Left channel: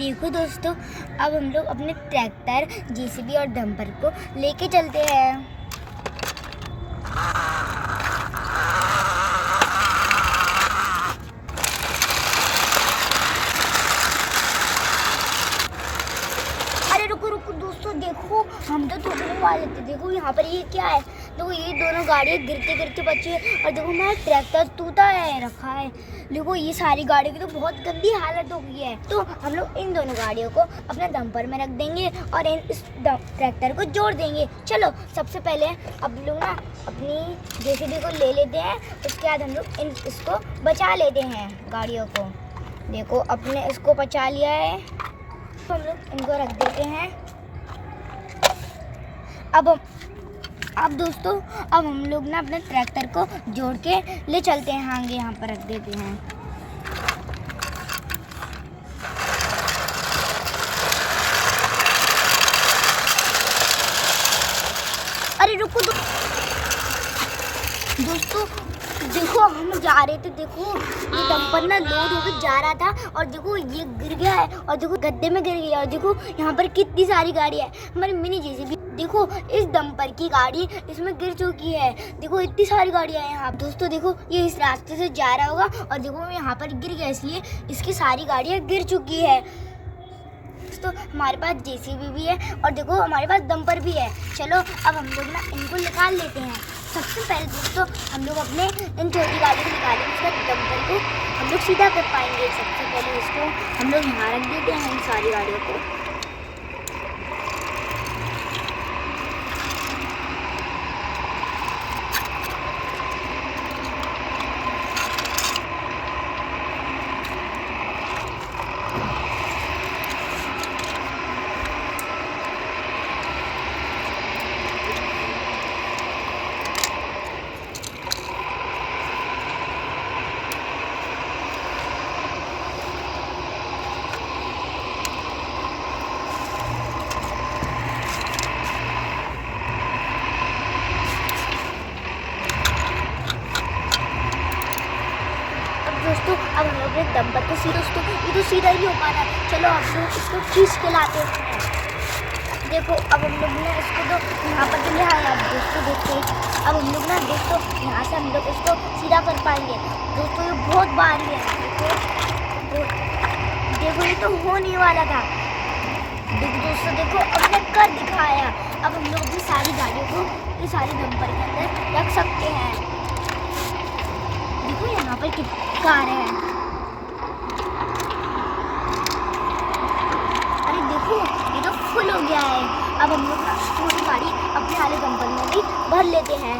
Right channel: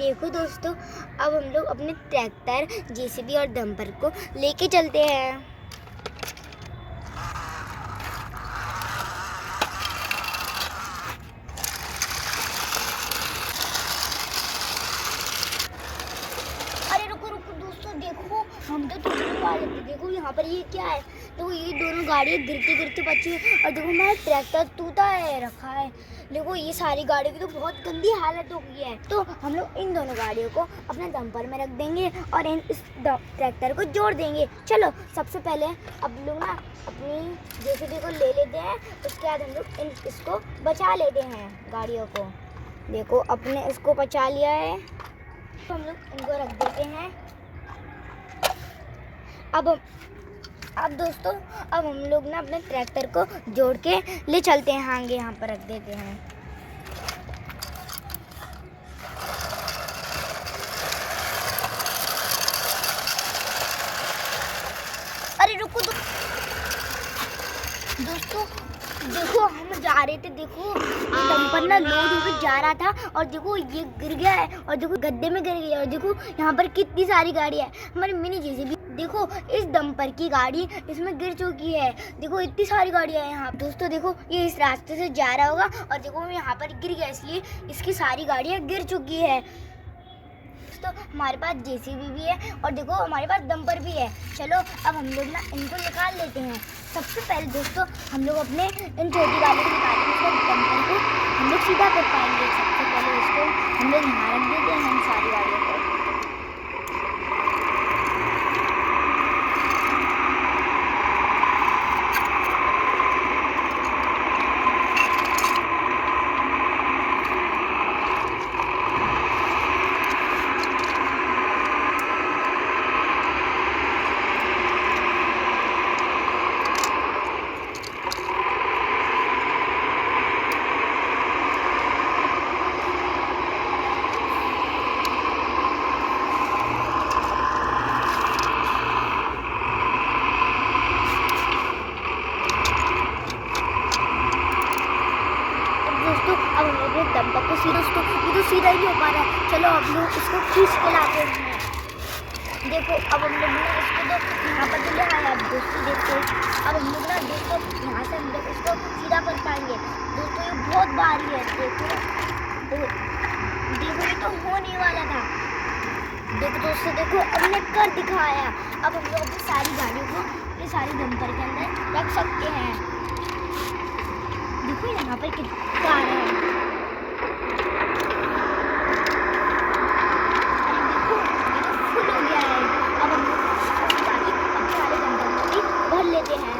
देखो दोस्तों, अब हम लोग अपने ट्रैक्टर, जेसीबी और डंपर को लेके चलते हैं। अरे रुको रुको दोस्तों, देखो हम तो टूटने वाले थे। देखो यहाँ पर ये क्या है, देखो ये दोनों गाड़ियाँ गिरते गिरते बची है और देखो हमारा ट्रैक्टर टूटा है रखा है। देखो ये सारी गाड़ियों की तो बहुत गंदी हालत हो गई है। तो हम लोग इन दोनों गाड़ियों को अपने डंपर में रख देंगे और इस ट्रैक्टर को जोड़ देंगे। चलो सबसे पहले अब लोग ना अपनी जेसीबी को ले लेते हैं, उसके बाद हम लोग इसको बचा लेते हैं गाड़ियों को। देखो अपने इसको बचा लिया है, तो हम लोग इनको रख देते हैं। अब दोस्तों, अब हम लोग ना अपने ट्रैक्टर को जोड़ के ले चलते हैं। आगे यहाँ पर रख देते हैं। अरे रुको दोस्तों, देखो हम जा रहे थे, देखो ये डंपर ना लोड होकर जा रहा था और देखो ये गिर गया है और देखो गड्ढे में गिर गया। और देखो यहाँ पर कितनी सारी गाड़ी है, हमारी मिनी जेसीबी। देखो इस डंपर की गाड़ी इसमें गिर चुकी है। देखो इतनी सारी गाड़ियाँ हैं यहाँ दोस्तों। देखो ये इस रास्ते से जा रहा होगा और देखो यहाँ पर गिर गया, इसलिए इसकी सारी गाड़ियाँ गिर चुकी है। तो हमारे पास जेसीबी भी है और देखो हमारे पास डंपर भी है। चलो अब हम लोग ना इनको निकाल लेते हैं। सबसे पहले दोस्तों हम लोग अपने इन छोटी गाड़ी को निकालेंगे, उसके बाद डंपर को हम लोग सीधा कर पाएंगे। सबसे पहले इसको हम लोग यहाँ रख देते हैं, इन सारी गाड़ियों को। दोस्तों अब हम लोग डंपर को सीधा, दोस्तों ये तो सीधा ही हो पा रहा है। चलो हम लोग इसको खींच के लाते हैं। देखो अब हम लोग ना इसको तो यहाँ पर तो ले आया। दोस्तों देखो अब हम लोग ना देखो यहाँ से हम लोग इसको सीधा कर पाएंगे। दोस्तों ये बहुत भारी है। देखो ये तो हो नहीं वाला था। देखो दोस्तों, देखो हमने कर दिखाया। अब हम लोग अपनी सारी गाड़ियों को ये सारी डंपर के अंदर रख सकते हैं। देखो यहाँ पर कितनी कारें हैं। अरे देखो ये तो फुल हो गया है। अब हम लोग गाड़ी अपने वाले डंपर में भी भर लेते हैं।